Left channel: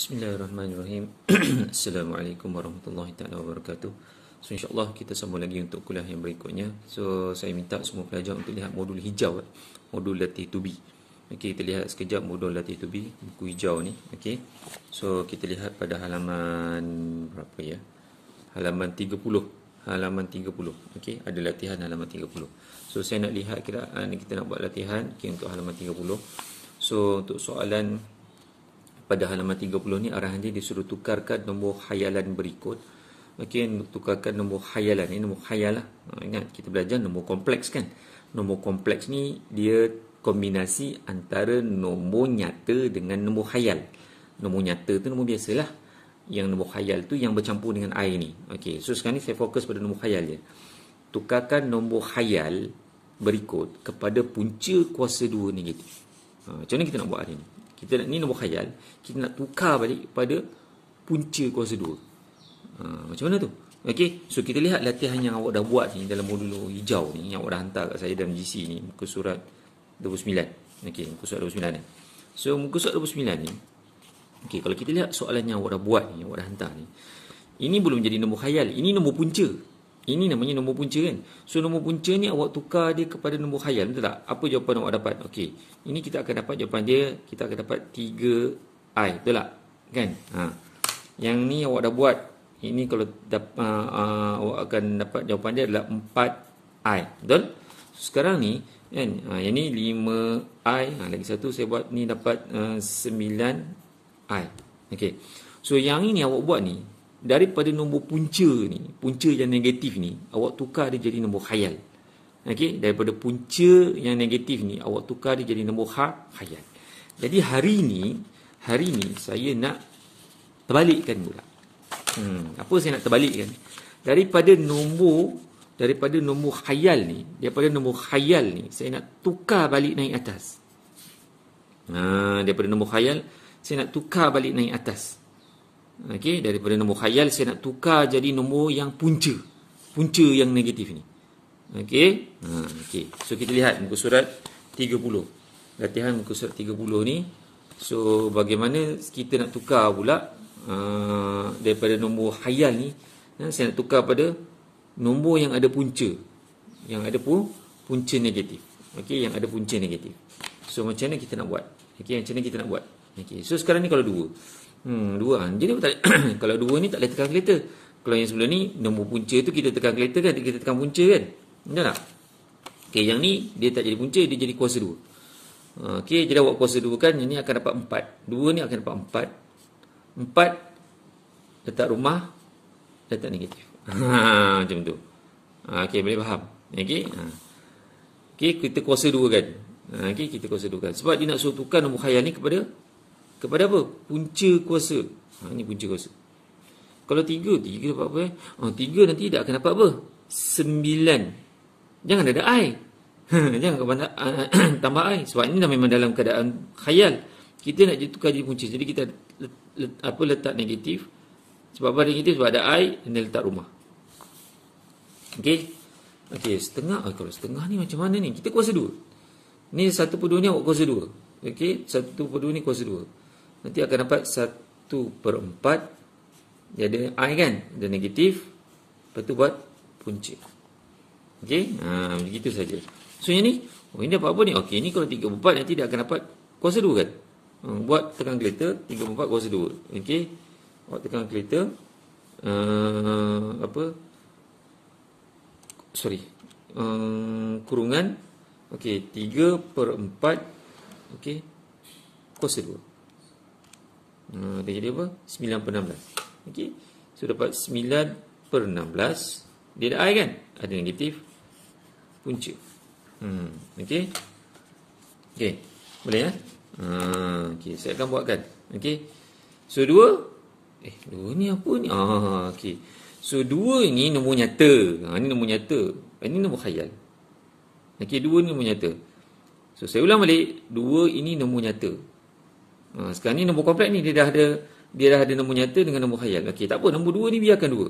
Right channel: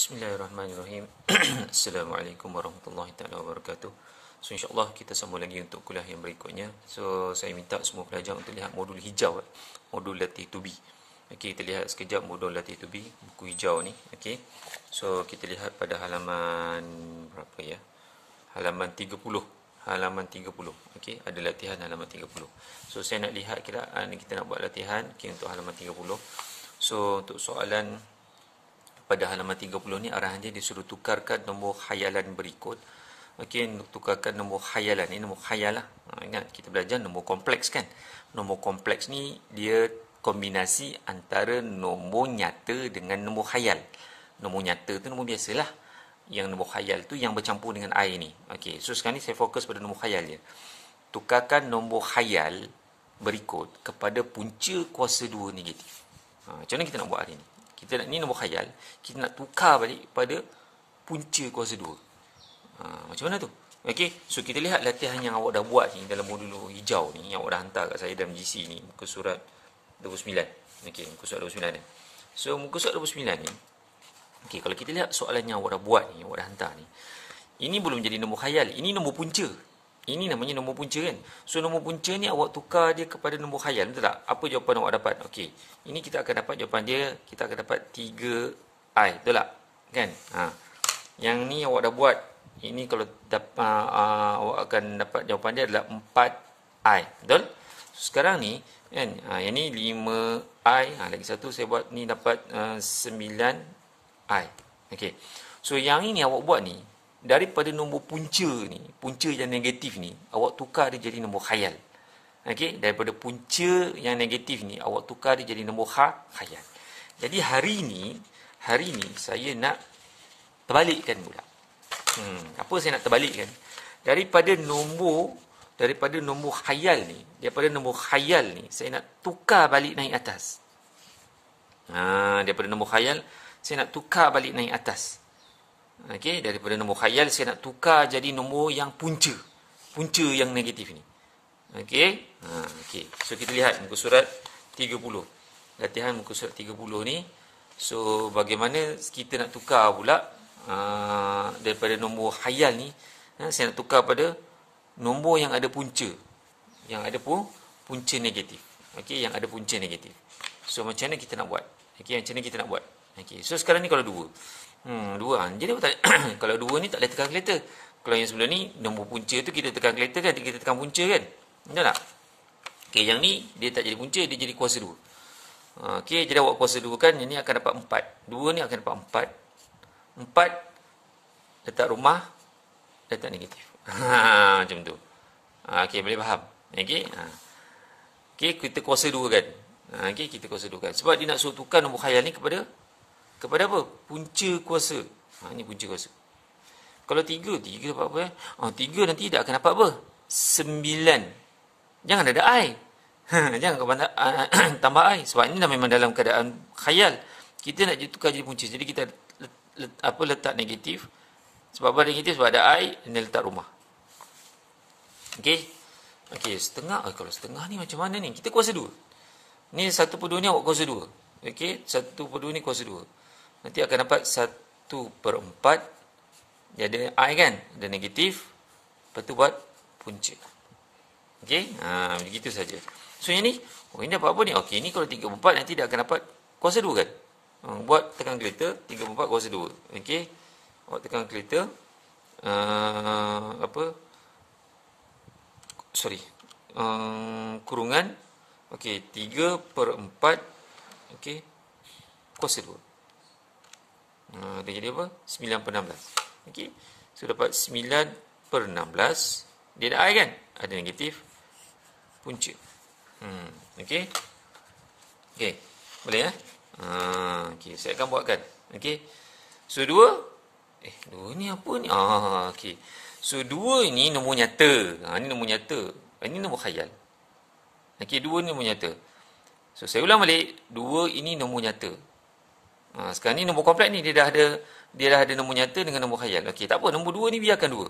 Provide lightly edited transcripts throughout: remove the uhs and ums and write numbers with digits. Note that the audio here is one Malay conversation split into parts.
Bismillahirrahmanirrahim. Assalamualaikum warahmatullahi taala wabarakatuh. So insyaAllah kita sambung lagi untuk kuliah yang berikutnya. So saya minta semua pelajar untuk lihat modul hijau, modul latih to be. Okey, kita lihat sekejap modul latih to be, buku hijau ni. Okey. So kita lihat pada halaman berapa ya? Halaman 30. Halaman 30. Okey, ada latihan halaman 30. So saya nak lihat kita nak buat latihan untuk halaman 30. So untuk soalan pada halaman 30 ni arahan dia disuruh tukarkan nombor khayalan berikut. Okey, tukarkan nombor khayalan. Ini nombor khayal lah. Ingat kita belajar nombor kompleks kan. Nombor kompleks ni dia kombinasi antara nombor nyata dengan nombor khayal. Nombor nyata tu nombor biasalah. Yang nombor khayal tu yang bercampur dengan I ni. Okey, so sekarang ni saya fokus pada nombor khayal je. Tukarkan nombor khayal berikut kepada punca kuasa 2 negatif. Macam mana kita nak buat hari ni? Ni nombor khayal, kita nak tukar balik pada punca kuasa 2. Macam mana tu? Okey, so kita lihat latihan yang awak dah buat ni dalam modul hijau ni, yang awak dah hantar kat saya dalam GC ni, muka surat 29. Okey, muka surat 29 ni. So muka surat 29 ni, okey, kalau kita lihat soalan yang awak dah buat ni, awak dah hantar ni, ini belum jadi nombor khayal, ini nombor punca. Ini namanya nombor punca kan. So nombor punca ni awak tukar dia kepada nombor khayal, betul tak? Apa jawapan awak dapat? Okey, ini kita akan dapat jawapan dia, kita akan dapat 3I, betul tak? Kan? Yang ni awak dah buat. Ini kalau awak akan dapat jawapan dia adalah 4I, betul? Sekarang ni kan, yang ni 5I, lagi satu saya buat ni dapat 9I. Okey. So yang ini awak buat ni daripada nombor punca ni, punca yang negatif ni, awak tukar dia jadi nombor khayal. Okey, daripada punca yang negatif ni awak tukar dia jadi nombor khayal. Jadi hari ni saya nak terbalikkan pula. Apa saya nak terbalikkan? Daripada nombor khayal ni, saya nak tukar balik naik atas. Daripada nombor khayal saya nak tukar balik naik atas. Okey, daripada nombor khayal saya nak tukar jadi nombor yang punca yang negatif ni. Okey. Okey. So kita lihat muka surat 30. Latihan muka surat 30 ni. So bagaimana kita nak tukar pula daripada nombor khayal ni, saya nak tukar pada nombor yang ada punca. Yang ada punca negatif. Okey, yang ada punca negatif. So macam mana kita nak buat? Okey, macam mana kita nak buat? Okey. So sekarang ni kalau 2. Jadi kalau 2 ni tak boleh tekan kalkulator. Kalau yang sebelum ni nombor punca tu kita tekan kalkulator kan, kita tekan punca kan. Betul tak? Okey, yang ni dia tak jadi punca, dia jadi kuasa 2. Okey, jadi awak kuasa 2 kan, yang ni akan dapat 4. 2 ni akan dapat 4. 4 letak rumah, letak negatif. Macam tu. Okey, boleh faham? Okey. Okey, kita kuasa 2 kan. Okey, kita kuasa 2 kan. Sebab dia nak suruh tukar nombor khayal ni kepada apa? Punca kuasa. Ini punca kuasa. Kalau 3 dapat apa? 3 nanti tak akan dapat apa? 9. Jangan ada I. Jangan tambah I. Sebab ini dah memang dalam keadaan khayal. Kita nak tukar jadi punca. Jadi kita letak negatif. Sebab apa negatif? Sebab ada I, dan letak rumah. Okey. Okey, setengah. Kalau setengah ni macam mana ni? Kita kuasa 2. Ni 1/2 ni awak kuasa 2. Okey, 1/2 ni kuasa 2. Nanti akan dapat 1/4. Dia ada I kan? Ada negatif. Lepas tu buat punca. Okey? Begitu saja. So yang ni, ini dapat apa ni? Okey, ni kalau 3/4 nanti dia akan dapat kuasa 2 kan? Buat tekan kalkulator, 3/4 kuasa 2. Okey? Buat tekan kalkulator. Kurungan. Okey, 3/4. Okey. Kuasa 2. Dia jadi apa? 9/16. Okey. So dapat 9/16. Dia ada I kan? Ada negatif. Punca. Okey. Okey. Boleh ya? Okey, saya akan buatkan. Okey. So 2. 2 ni apa ni? Okey. So 2 ni nombor nyata. Ni nombor nyata. Ini nombor khayal. Okey, 2 ni nombor nyata. So saya ulang balik. 2 ini nombor nyata. Sekarang ni nombor kompleks ni dia dah ada nombor nyata dengan nombor khayal. Okey, tak apa, nombor 2 ni biarkan 2.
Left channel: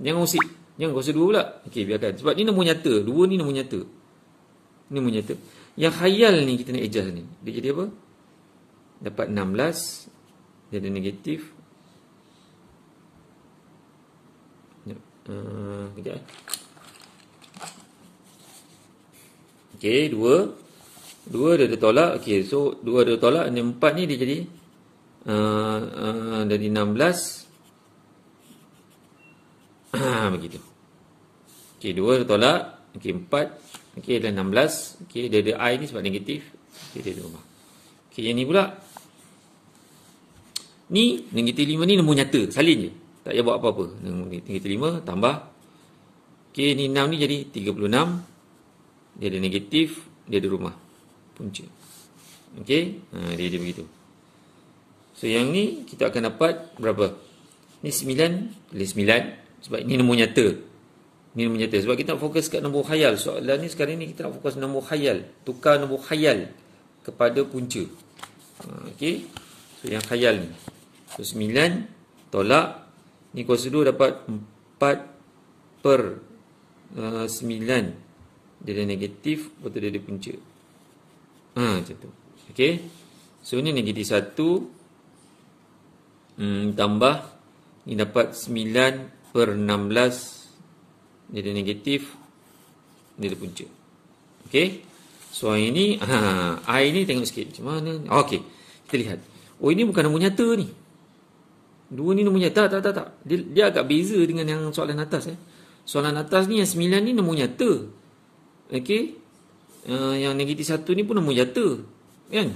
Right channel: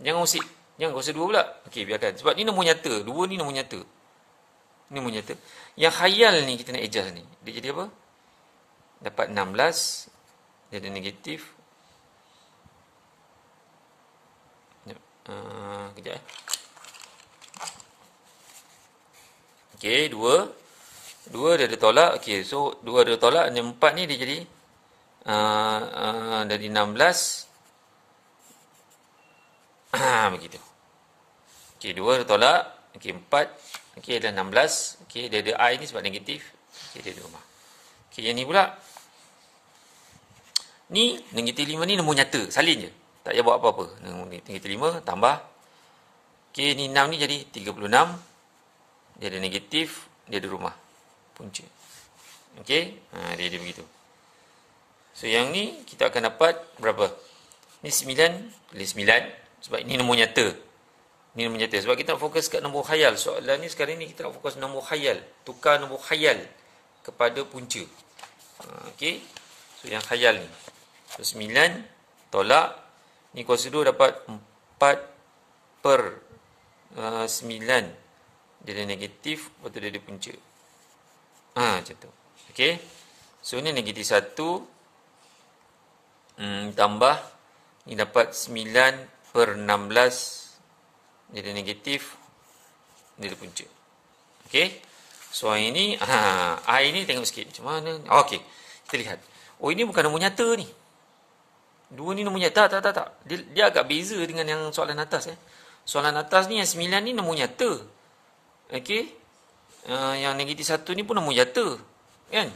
Jangan usik. Jangan kuasa 2 pula. Okey, biarkan. Sebab ni nombor nyata. 2 ni nombor nyata. Ni nombor nyata. Yang khayal ni kita nak adjust ni. Dia jadi apa? Dapat 16 dia ada negatif. Kejap Okey, 2 dia ada tolak. Okey, so 2 ada tolak, yang 4 ni dia jadi dari 16. Begitu. Okey, 2 ada tolak. Okey, 4. Okey, ada 16. Okey, dia ada I ni sebab negatif. Okey, dia ada rumah. Okey, yang ni pula. Ni negatif 5 ni nombor nyata, salin je. Tak payah buat apa-apa. Negatif 5 tambah. Okey, ni 6 ni jadi 36. Dia ada negatif, dia ada rumah. Punca. Okey, dia ada begitu. So, yang ni kita akan dapat berapa? Ni 9, pilih 9. Sebab ini nombor nyata. Ini nombor nyata. Sebab kita nak fokus kat nombor khayal. Soalan ni sekarang ni kita nak fokus nombor khayal. Tukar nombor khayal kepada punca. Okey. So, yang khayal ni. So, 9 tolak. Ni kuasa 2 dapat 4 per 9. Dia ada negatif, lepas tu dia ada punca. Macam tu. Okey. So, ni negatif 1. Tambah. Ni dapat 9 per 16. Dia ada negatif. Dia ada punca. Okey. So, ini. I ni tengok sikit. Macam mana? Okey. Kita lihat. Oh, ini bukan nombor nyata ni. 2 ni nombor nyata. Tak. Dia agak beza dengan yang soalan atas. Soalan atas ni yang 9 ni nombor nyata. Okey. Yang negatif 1 ni pun nombor nyata. Kan?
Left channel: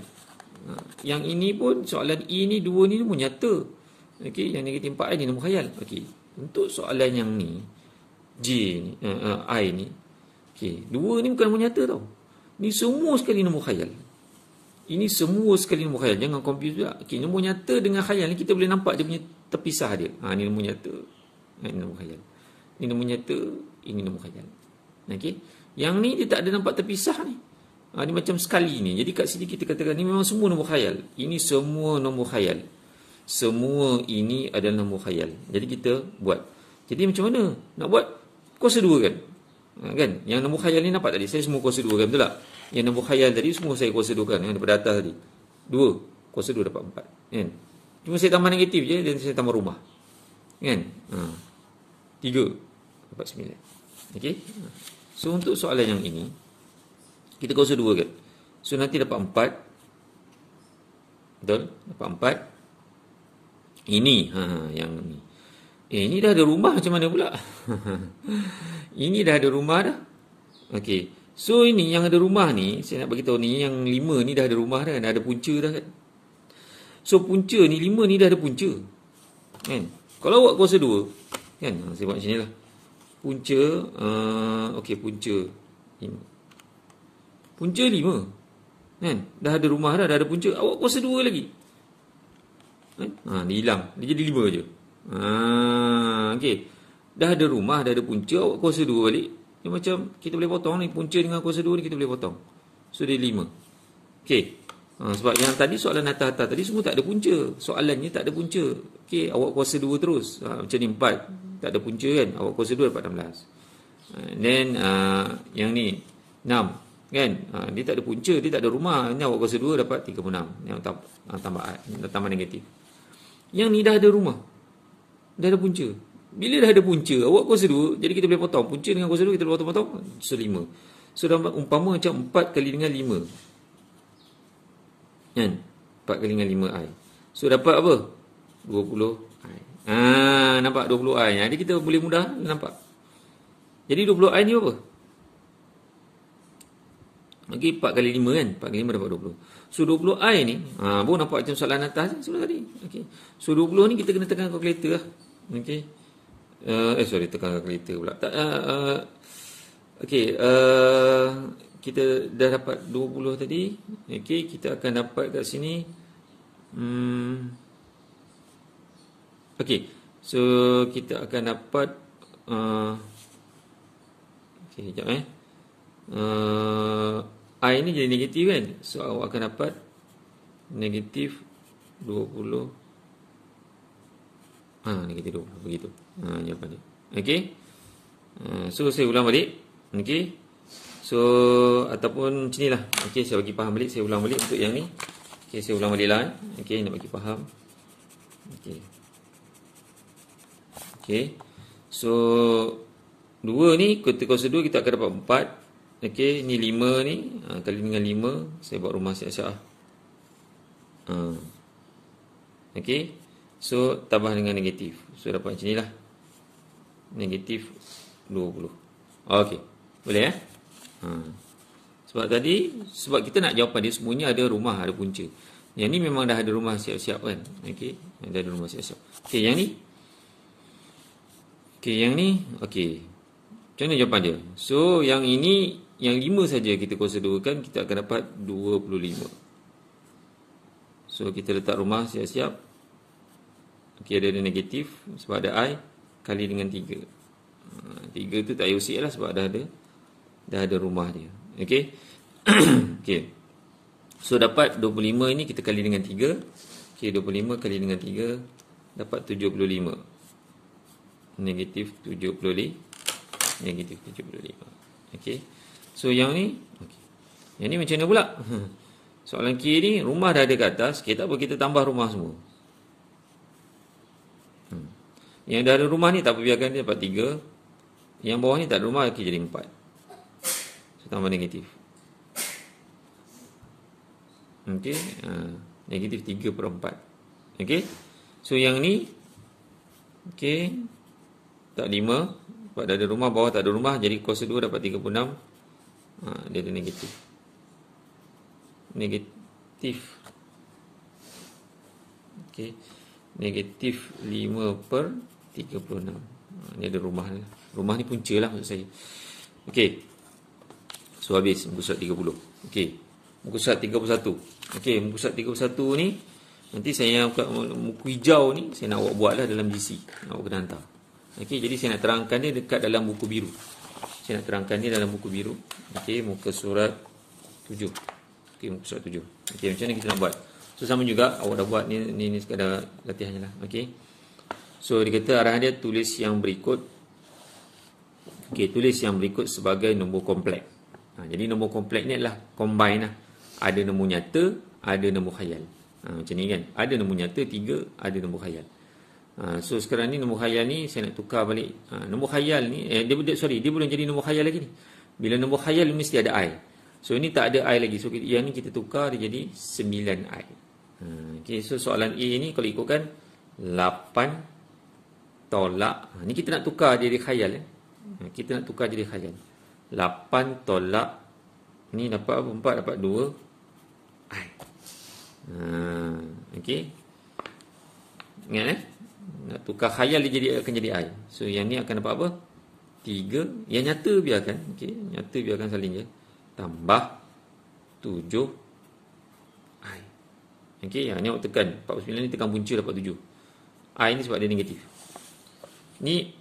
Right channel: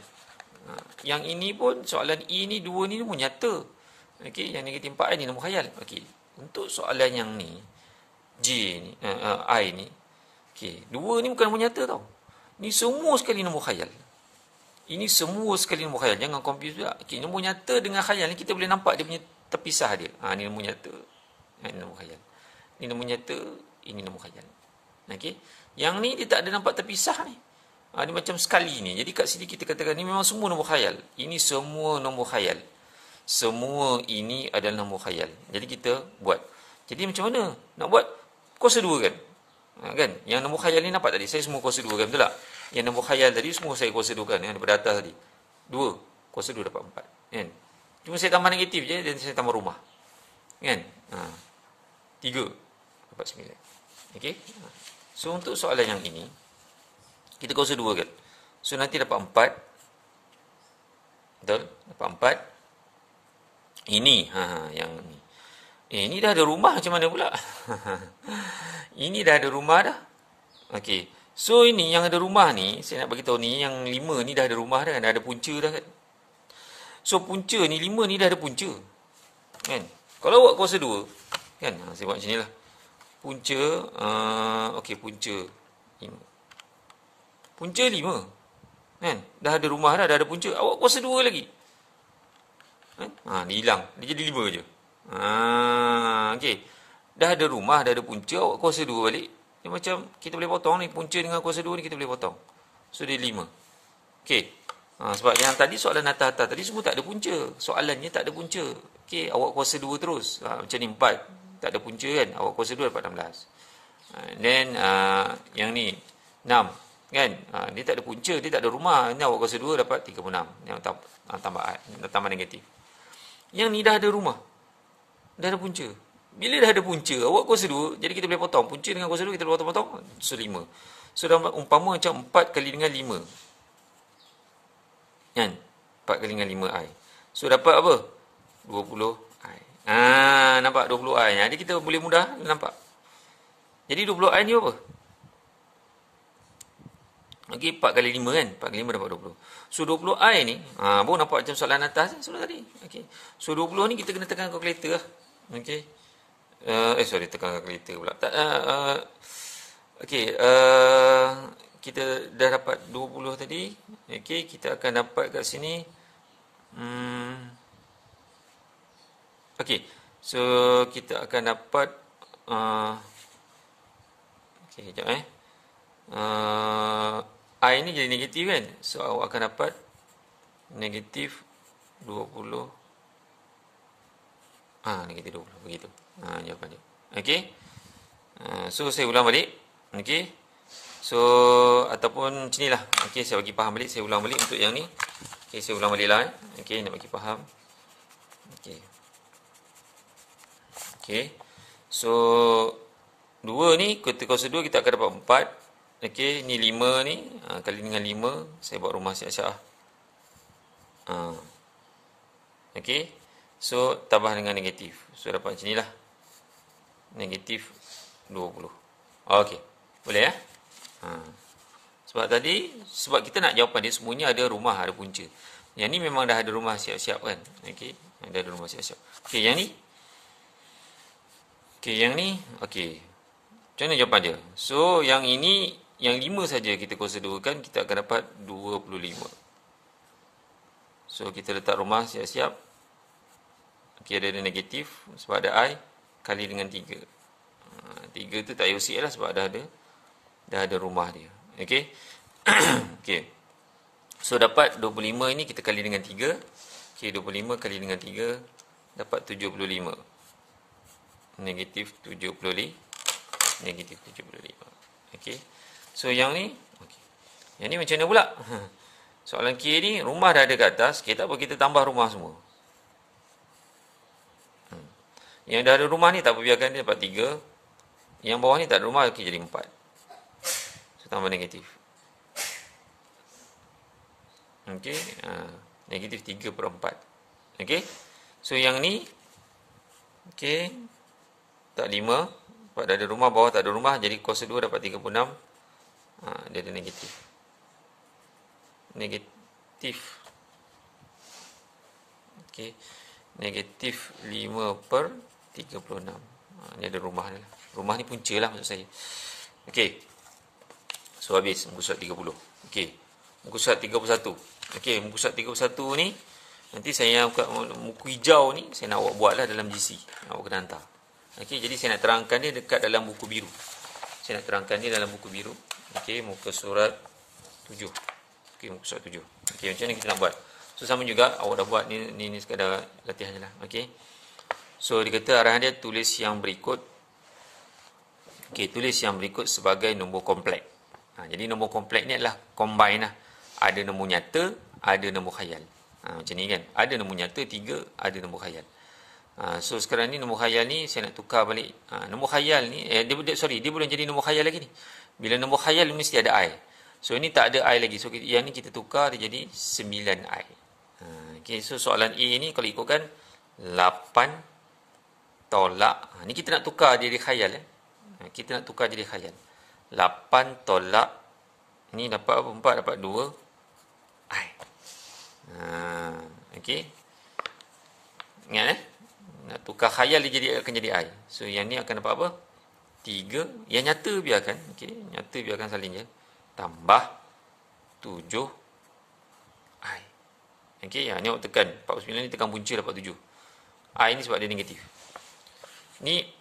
Yang ini pun soalan E ni 2 ni nombor nyata. Okey, yang negatif 4 ni nombor khayal. Okey. Untuk soalan yang ni J ni, I ni. Okey, 2 ni bukan nombor nyata tau. Ni semua sekali nombor khayal. Ini semua sekali nombor khayal. Jangan confuse pula. Okey, nombor nyata dengan khayal ni kita boleh nampak dia punya terpisah dia. Ni nombor nyata. Ini nombor khayal. Ini nombor nyata, ini nombor khayal. Okey. Yang ni dia tak ada nampak terpisah ni. Dia macam sekali ni. Jadi kat sini kita katakan ni memang semua nombor khayal. Ini semua nombor khayal. Semua ini adalah nombor khayal. Jadi kita buat. Jadi macam mana? Nak buat kuasa 2 kan? Kan? Yang nombor khayal ni nampak tadi. Saya semua kuasa 2 kan? Betul tak? Yang nombor khayal tadi semua saya kuasa 2 kan? Yang daripada atas tadi. 2. Kuasa 2 dapat 4. Kan? Cuma saya tambah negatif je dan saya tambah rumah. Kan? 3. Dapat 9. Okey? So, untuk soalan yang ini, kita kuasa 2 kan? So, nanti dapat 4. Betul? Dapat 4. Ini. Yang ni. Ini dah ada rumah macam mana pula? Ini dah ada rumah dah. Okey. So, ini yang ada rumah ni, saya nak bagi tahu ni, yang 5 ni dah ada rumah dah kan? Dah ada punca dah kan? So, punca ni, 5 ni dah ada punca. Kan? Kalau awak kuasa 2, kan? Saya buat macam ni lah. Punca, okey, punca 5. Punca 5. Kan? Dah ada rumah dah ada punca. Awak kuasa 2 lagi. Kan? Dia hilang. Dia jadi 5 je. Okey. Dah ada rumah, dah ada punca, awak kuasa 2 balik. Dia macam, kita boleh potong ni. Punca dengan kuasa 2 ni kita boleh potong. So, dia 5. Okey. Sebab yang tadi soalan atas-atas tadi semua tak ada punca. Soalannya tak ada punca. Okey, awak kuasa 2 terus. Macam ni 4. Tak ada punca kan? Awak kuasa 2 dapat 16. Then yang ni 6 kan? Dia tak ada punca, dia tak ada rumah. Ini awak kuasa 2 dapat 36. Yang tambah negatif. Yang ni dah ada rumah. Dah ada punca. Bila dah ada punca, awak kuasa 2, jadi kita boleh potong. Punca dengan kuasa 2 kita boleh potong-potong. So 5. So umpama macam 4 kali dengan 5. Kan? 4 kali dengan 5i. So dapat apa? 20i. Nampak 20i. Jadi kita boleh mudah nampak. Jadi 20i ni apa? Okey, 4 kali 5 kan? 4 kali 5 dapat 20. So 20i ni, baru nampak macam soalan atas sudah tadi. Okey. So 20 ni kita kena tekan kalkulator lah. Okey. Tekan kalkulator pula. Okey, kita dah dapat 20 tadi. Okey, kita akan dapat kat sini. Okey, so kita akan dapat okey, sekejap I ni jadi negatif kan? So awak akan dapat negatif 20. Negatif 20 begitu. Jawapan dia. Okey. So saya ulang balik. Okey. So ataupun macam nilah. Okey, saya bagi faham balik, saya ulang balik untuk yang ni. Okey, saya ulang balik lah. Okey, nak bagi faham. Okey. Okey. So 2 ni kita kuasa 2 kita akan dapat 4. Okey, ni 5 ni kali dengan 5, saya buat rumah siap-siap. Okey. So tambah dengan negatif. So dapat macam nilah. Negatif 20. Okey. Boleh ya? Sebab kita nak jawapan dia semuanya ada rumah, ada punca. Yang ni memang dah ada rumah siap-siap kan. Okey, dah ada rumah siap-siap. Okey, yang ni. Okey, yang ni. Okey. Macam mana jawapan dia? So, yang ini, yang 5 saja kita kuasa 2 kan, kita akan dapat 25. So, kita letak rumah siap-siap. Okey, ada negatif sebab ada I kali dengan 3. 3 tu tak payah usik lah sebab dah ada rumah dia. Okey. Okey. So dapat 25 ini kita kali dengan 3. Okey, 25 kali dengan 3 dapat 75. Negatif 75. Negatif 75. Okey. So yang ni, okey. Yang ni macam mana pula? Soalan K ni rumah dah ada kat atas, kita tak apa, kita tambah rumah semua. Yang dah ada rumah ni tak apa, biarkan dia dapat 3. Yang bawah ni tak ada rumah, okey, jadi 4. So tambah negatif. Okey, negatif 3/4. Okey. So yang ni okey, tak 5, sebab dah ada rumah, bawah tak ada rumah, jadi kuasa 2 dapat 36. Dia ada negatif. Negatif. Okey. Negatif 5/36. Ni ada rumah ni. Rumah ni punca lah maksud saya. Okey. So habis muka surat 30. Okey. Muka surat 31. Okey, muka surat 31 ni nanti saya buka muka hijau ni, saya nak awak buatlah dalam GC. Awak kena hantar. Okey, jadi saya nak terangkan dia dekat dalam buku biru. Saya nak terangkan dia dalam buku biru. Okey, muka surat 7. Okey, muka surat 7. Okey, macam ni kita nak buat. So sama juga awak dah buat ni sekadar latihan je lah. Okey. So dia kata arahan dia tulis yang berikut. Okey, tulis yang berikut sebagai nombor kompleks. Jadi nombor kompleks ni adalah combine lah. Ada nombor nyata, ada nombor khayal. Macam ni kan. Ada nombor nyata 3, ada nombor khayal. So sekarang ni nombor khayal ni saya nak tukar balik. Nombor khayal ni dia belum jadi nombor khayal lagi ni. Bila nombor khayal mesti ada I. So ini tak ada I lagi. So yang ni kita tukar dia jadi 9I. Okey, so soalan A ni kalau ikutkan 8 tolak. Ni kita nak tukar dia khayal. Kita nak tukar jadi khayal. 8 tolak ni dapat apa? 4 dapat 2 I. Okey. Ingat nak tukar khayal dia akan jadi I. So yang ni akan dapat apa? 3. Yang nyata biarkan. Okey, nyata biarkan saling je. Tambah 7 I. Okey, ni awak tekan 49 ni tekan punca dapat 7. I ni sebab dia negatif. Ni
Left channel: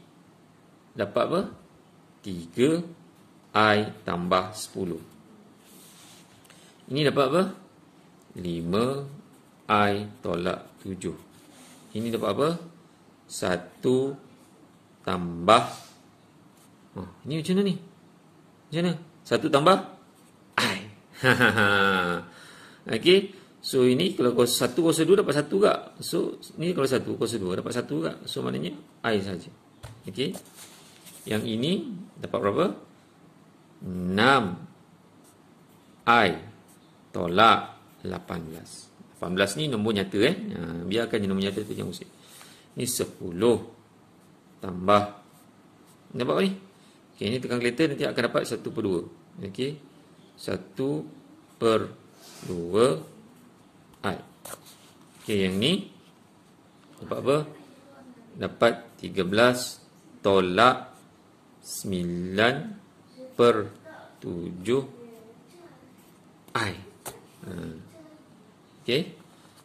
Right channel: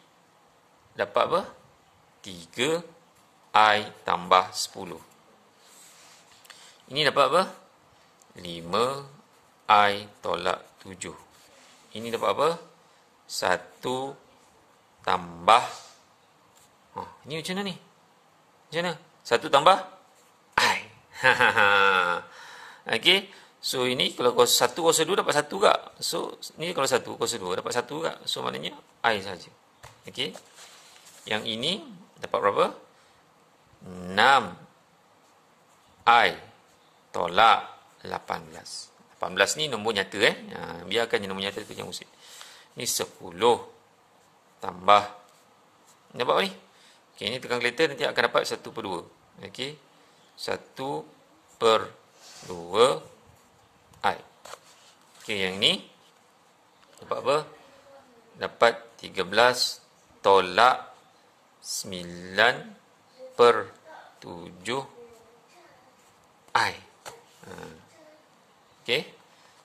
dapat apa? 3 I tambah 10. Ini dapat apa? 5 I tolak 7. Ini dapat apa? 1 tambah ini macam mana ni? Macam mana? 1 tambah I. Okey. So ini kalau kuasa 1 kuasa 2 dapat 1 juga. So ni kalau 1 kuasa 2 dapat 1 juga. So maknanya I saja. Okey. Yang ini dapat berapa? 6 I tolak 18. 18 ni nombor nyata biarkan je nombor nyata tu yang usik. Ni 10 tambah ni dapat apa ni? Okey, ni tekan kalkulator nanti akan dapat 1/2. Okey. 1/2 I. Okey, yang ni dapat apa? Dapat 13 tolak 9/7 I. Okey.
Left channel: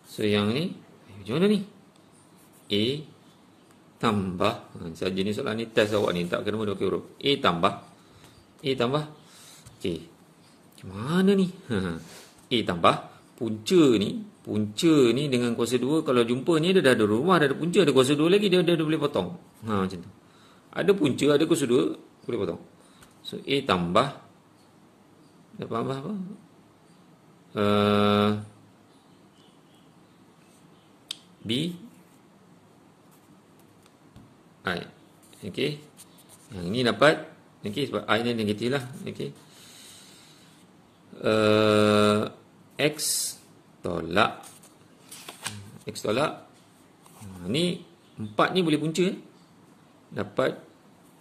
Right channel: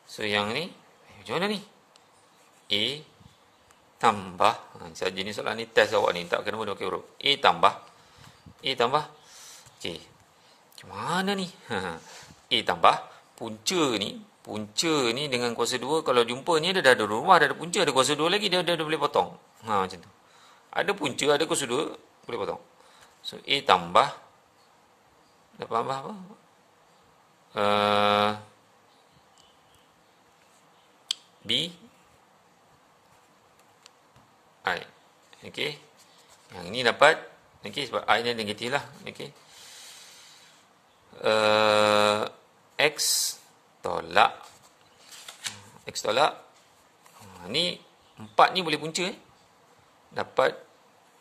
So yang ni macam mana ni? A tambah saja ni soalan ni test awak ni tak kena mula pakai huruf. A tambah okey. Macam mana ni? A tambah punca ni dengan kuasa 2 kalau jumpa ni dia dah ada rumah, dah ada punca, ada kuasa 2 lagi dia boleh potong. Macam tu. Ada punca, ada kuasa 2, boleh potong. So A tambah dapat apa? B Okey. Yang ini dapat, okey, sebab I ni negatif lah. Okey. X tolak ni 4 ni boleh punca dapat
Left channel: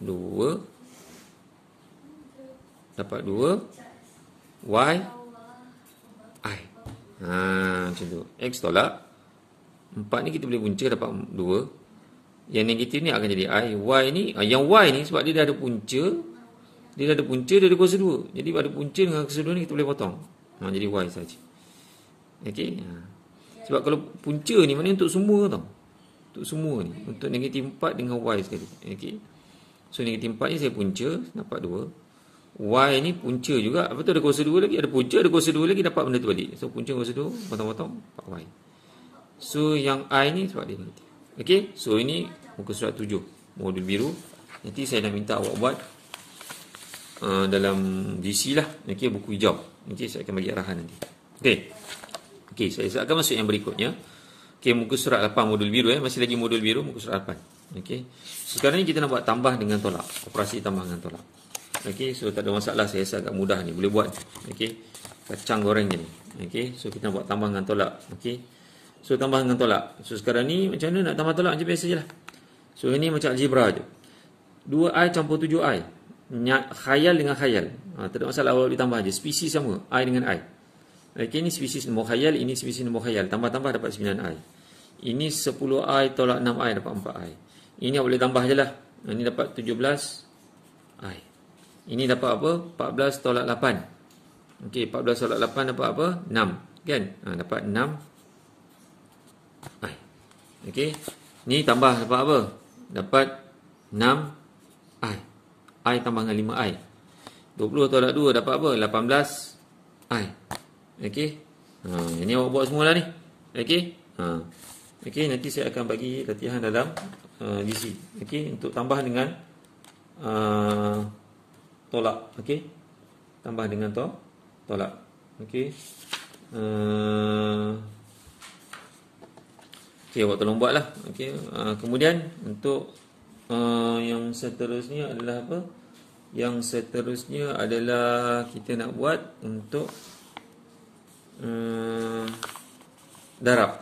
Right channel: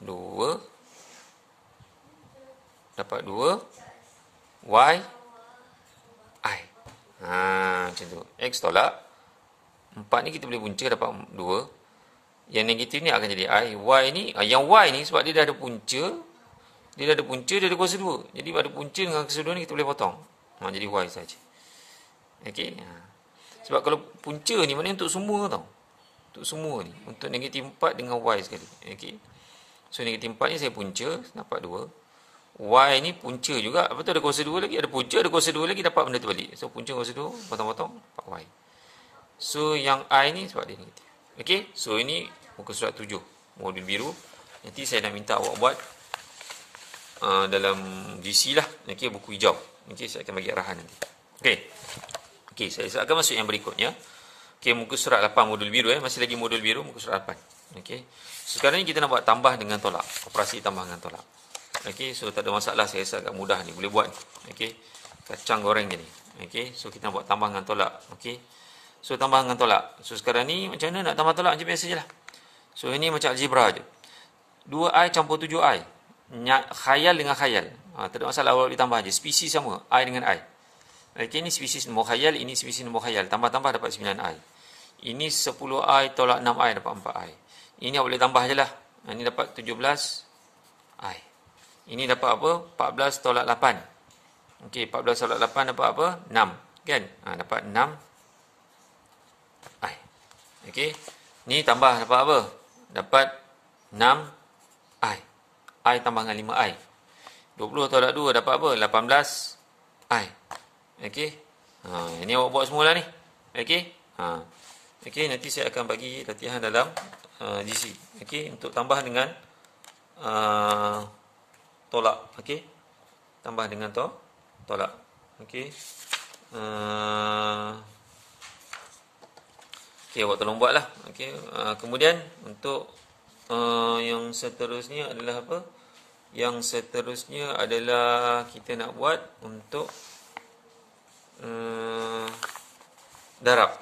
2 Y I. Macam tu. X tolak 4 ni kita boleh punca dapat 2. Yang negatif ni akan jadi I. Y ni, yang Y ni sebab dia dah ada punca, dia ada kuasa 2. Jadi pada punca dengan kuasa 2 ni kita boleh potong. Jadi Y saja. Okey. Sebab kalau punca ni maknanya untuk semua tau. Untuk semua ni. Untuk negatif 4 dengan Y sekali. Okey. So negatif 4 ni saya punca dapat 2. Y ni punca juga. Apa tu, ada kuasa 2 lagi. Ada punca, ada kuasa 2 lagi, dapat benda tu balik. So punca kuasa 2, potong-potong, dapat Y. So yang I ni sebab dia negatif. Okey. So ini muka surat 7. Modul biru. Nanti saya nak minta awak buat dalam GC lah. Okey, buku hijau. Okey, saya akan bagi arahan nanti. Okey, saya akan masuk yang berikutnya. Okey, muka surat 8 modul biru masih lagi modul biru, muka surat 8. Okey. So, sekarang ni kita nak buat tambah dengan tolak. Operasi tambah dengan tolak. Okey, so tak ada masalah, saya rasa agak mudah ni, boleh buat. Okey. Kacang goreng ni. Okey, so kita nak buat tambah dengan tolak. Okey. So tambah dengan tolak. So sekarang ni macam mana nak tambah tolak, macam biasa je lah. So ini macam algebra je. 2i campur 7i. Khayal dengan khayal. Tak ada masalah, awak boleh tambah je. Spesies sama, I dengan I. Okey, ini spesies nombor khayal, ini spesies nombor khayal. Tambah-tambah dapat 9i. Ini 10i tolak 6i dapat 4i. Ini awak boleh tambah je lah. Ini dapat 17i. Ini dapat apa? 14 tolak 8. Okey, 14 tolak 8 dapat apa? 6. Kan? Dapat 6i. Okey. Ni tambah dapat apa? Dapat 6i. I tambah dengan 5i. 20 tolak 2 dapat apa? 18i. Okey. Ini awak buat semula ni. Okey. Okey, nanti saya akan bagi latihan dalam GC. Okey, untuk tambah dengan tolak. Okey. Tambah dengan tolak. Okey. Okey, awak tolong buatlah. Okey. Kemudian untuk yang seterusnya adalah apa? Yang seterusnya adalah kita nak buat untuk darab.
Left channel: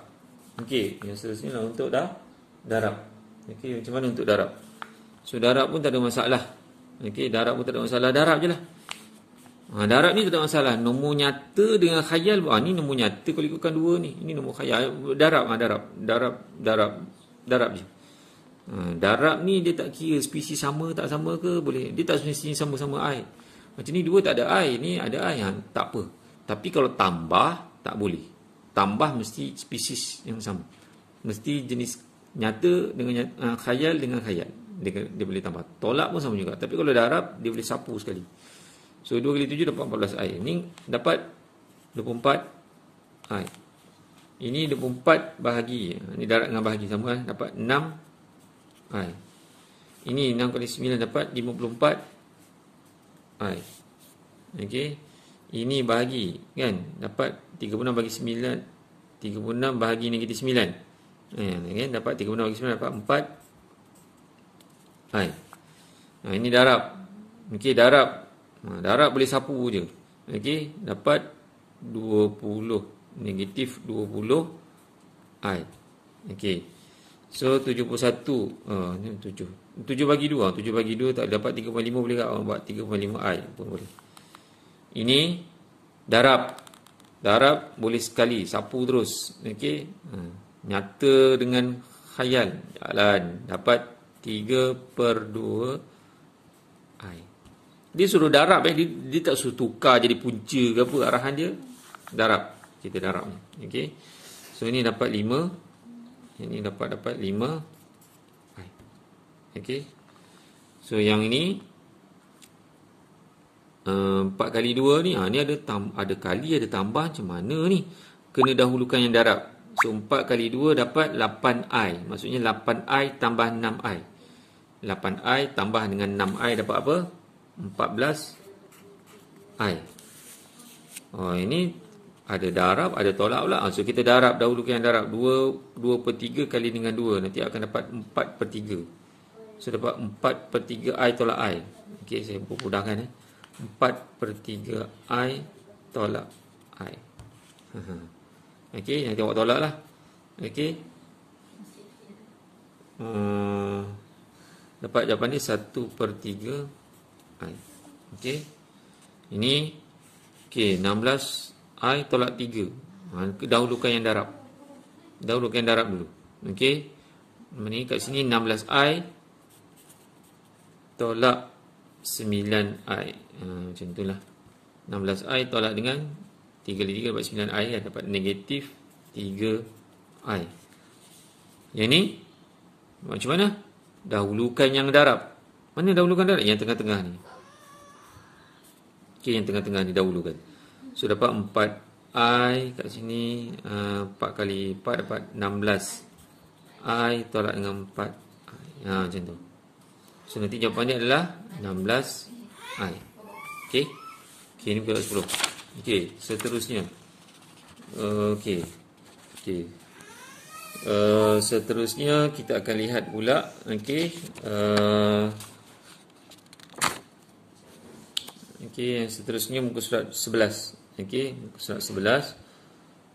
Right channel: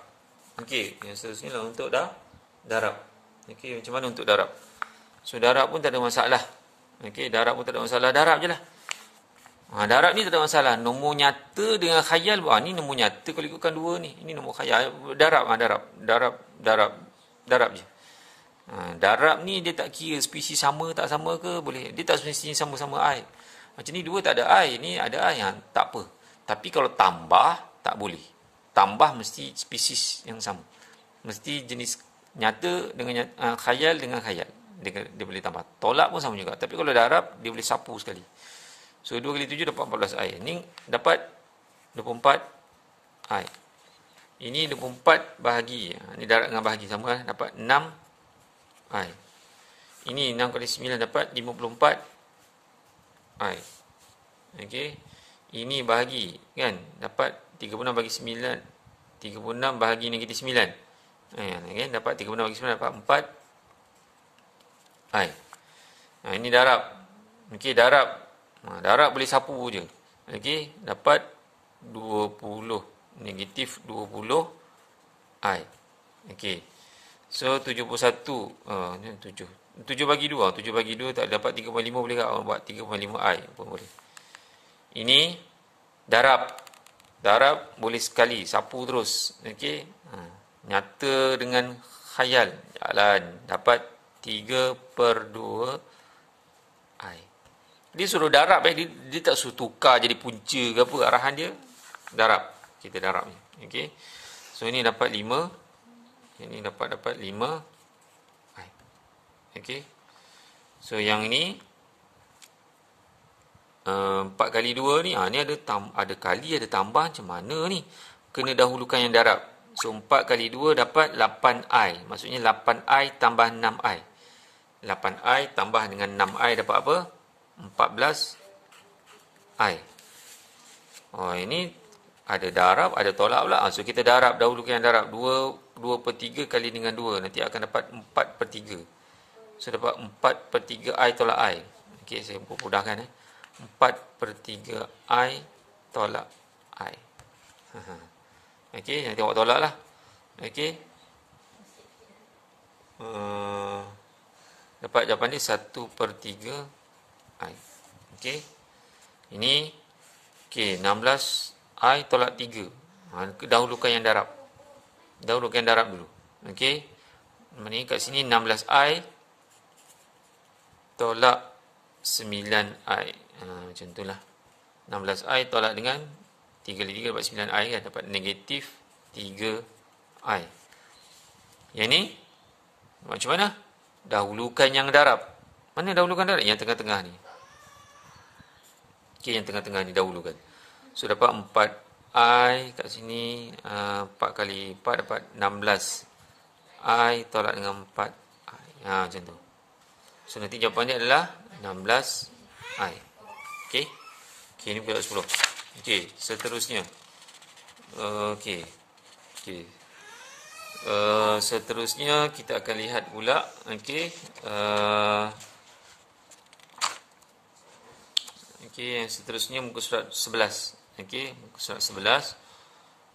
Okey, yang seterusnya adalah untuk darab. Okey, macam mana untuk darab? So darab pun tak ada masalah. Okey, darab pun tak ada masalah, darab je lah. Darab ni tak ada masalah. Nombor nyata dengan khayal. Ni nombor nyata kalau ikutkan 2 ni. Ini nombor khayal. Darab, darab je. Darab ni dia tak kira spesies sama tak sama ke, boleh. Dia tak semestinya sama-sama I. Macam ni 2 tak ada I, ni ada I, tak apa. Tapi kalau tambah tak boleh. Tambah mesti spesies yang sama. Mesti jenis nyata dengan khayal dengan khayal. Dia boleh tambah. Tolak pun sama juga. Tapi kalau darab dia boleh sapu sekali. So 2 kali 7 dapat 14i. Ni dapat 24i. Ini 24 bahagi. Ini darab dengan bahagi sama lah. Dapat 6i. Ini 6 kali 9 dapat 54i. Okey. Ini bahagi kan. Dapat 36 bagi 9. 36 bahagi negatif 9. Kan? Dapat 36 bagi 9 dapat 4i. Ini darab. Okey, darab. Darab boleh sapu je. Okey, dapat 20 negatif 20i. Okey. So 71 ni 7 bagi 2. 7 bagi 2 tak dapat 3.5 boleh tak buat 3.5i pun boleh. Ini darab. Darab boleh sekali sapu terus. Okey. Nyata dengan khayal jalan dapat 3/2i. Dia suruh darab dia tak suruh tukar jadi punca ke apa, arahan dia darab. Kita darab ni. Okey. So ini dapat 5. Ini dapat 5. Okey. So yang ini 4 kali 2 ni ni ada kali ada tambah, macam mana ni? Kena dahulukan yang darab. So 4 kali 2 dapat 8i. Maksudnya 8i tambah 6i. 8i tambah dengan 6i dapat apa? 14i. Ini ada darab, ada tolak pula. So kita darab dahulukan yang darab. 2/3 kali dengan 2. Nanti akan dapat 4/3. So dapat 4 per 3 I tolak I. Okey, saya mudahkan 4 per 3 I tolak I. Okey, yang tengok tolak lah. Okey. Dapat jawapan ni 1 per 3 I. Okey. Ini okey, 16 I tolak 3. Dahulukan yang darab. Dahulukan yang darab dulu. Okey. Ini kat sini 16 I tolak 9 I. Macam itulah. 16 I tolak dengan 3 kali 3 dapat 9 I kan. Dapat negatif 3 I. Yang ni macam mana? Dahulukan yang darab. Mana dahulukan darab? Yang tengah-tengah ni. Okey, yang tengah-tengah ni dahulukan. So dapat 4 I kat sini. 4 kali 4 dapat 16 I tolak dengan 4 I. Macam tu. So nanti jawapannya adalah 16 I. Okey. Okey, ni pula 10. Okey, seterusnya. Okey. Okey. Seterusnya kita akan lihat pula. Okey. Okey, yang seterusnya muka surat 11. Okey, muka surat 11.